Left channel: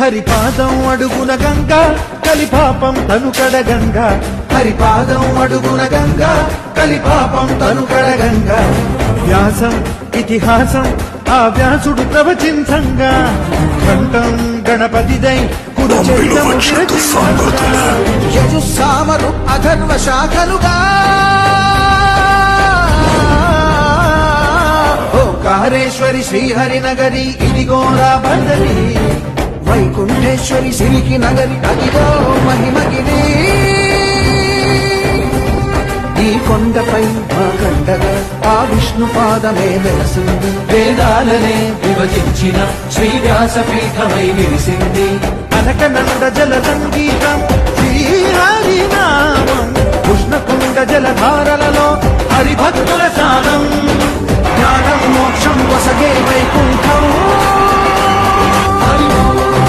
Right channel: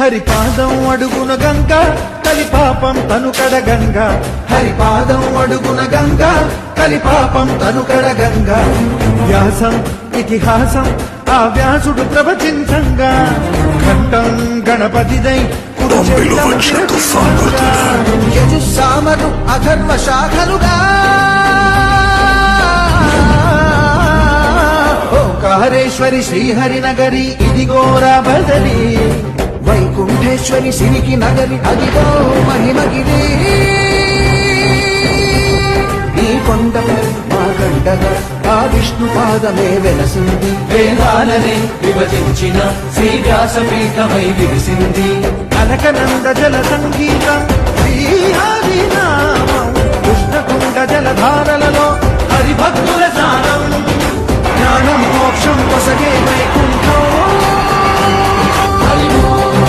హరిపాదం అడుగున గంగా కలిపాపం తను కడగంగా, హరిపాదం అడుగున గంగా కలిపాపం తను కడగంగా. వ్యాసం ఇతిహాసం ఆ వ్యాసుడు ప్రవచించంగా, ఖండం గణపతిదై యజుస్సామరు అధర్వ శాఖలుగా. ఓంకారేశ్వరి శ్రీహరినగరి ఇదిగోరా బదరి, వైకుంఠేశ్వరి శివికి నగరి అదిగో మహిమగిరి. ఈ కొండపై పాకండగా ఆ విష్ణు పాదమే వెలసి, వేదాలనే విభజించిన శ్రీ వ్యాసపీఠమై విరిసి.